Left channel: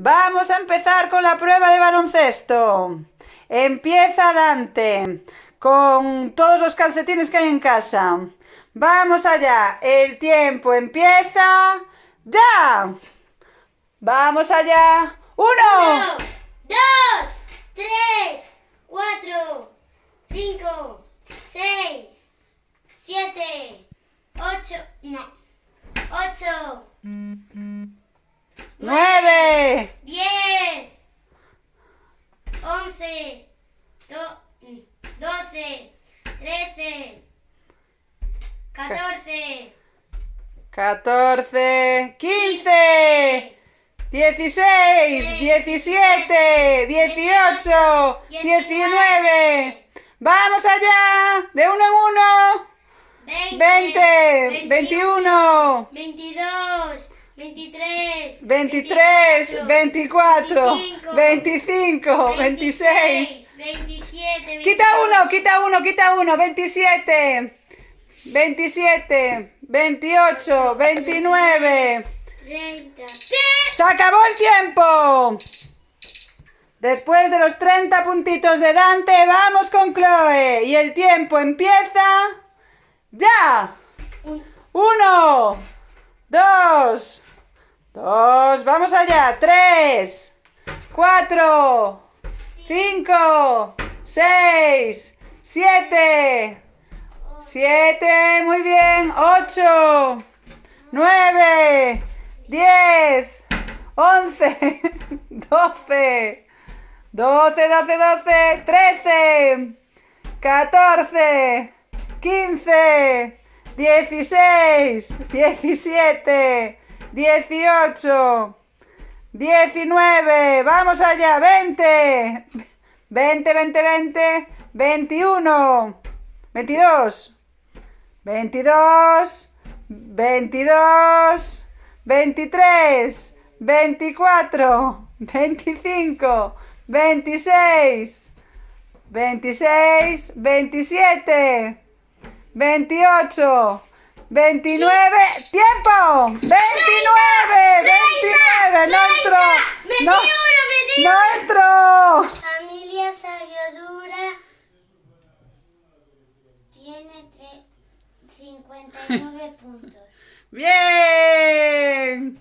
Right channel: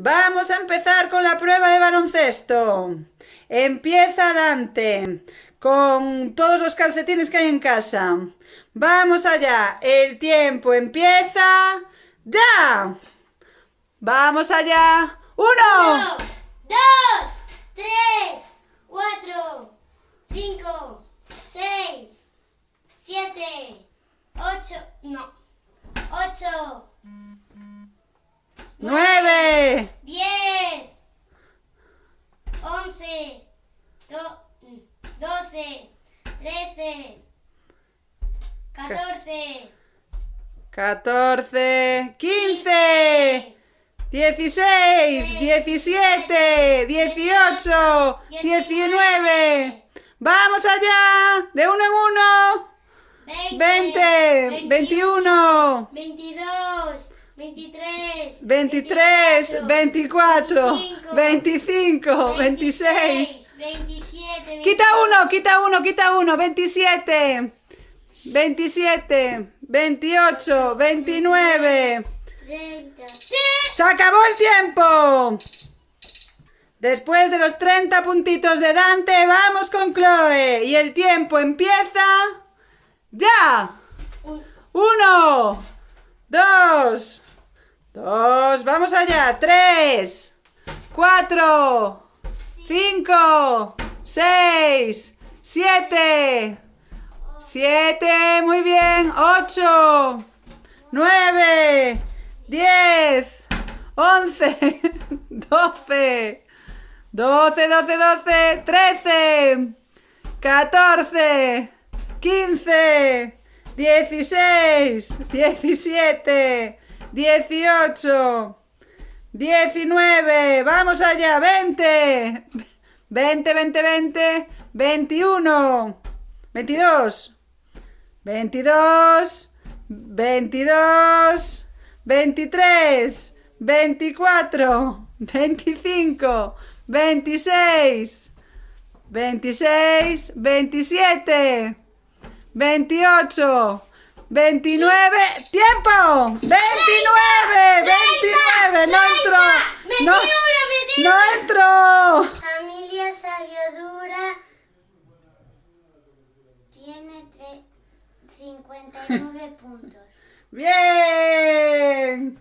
Vamos a empezar con la prueba de baloncesto. Empieza Dante con todos los calcetines que hay en casa. Vamos allá. El tiempo empieza ya. Vamos allá. 1, 1, 2, 3, 4, 5, 6, 7, 8, 9, 10, 11, 12, 13, 14, 14, 15, 16, 17, 18, 19. ¡Vamos allá! De uno en uno. 20, 21, 22, 23, 23, 24, 25, 26. 27, Quita uno, 27, 27, 28, 29. 30. ¡Se acabó el tiempo! Después de los 30 puntitos de Dante, vamos con Chloe. Y el tiempo empieza ya. 1, 2, vamos allá. 3, 4, 5, 6, 7, muy bien. 8, 9, 10, 11, 12, 13, 14, 15, 16, 17, 18, 19, vamos allá, 20, 21, 22, 23, 24, 25, 26, 27, 28, 29, ¡tiempo! 29, no entró, no entró. Familia Sabiodura tiene 59 puntos. Bien.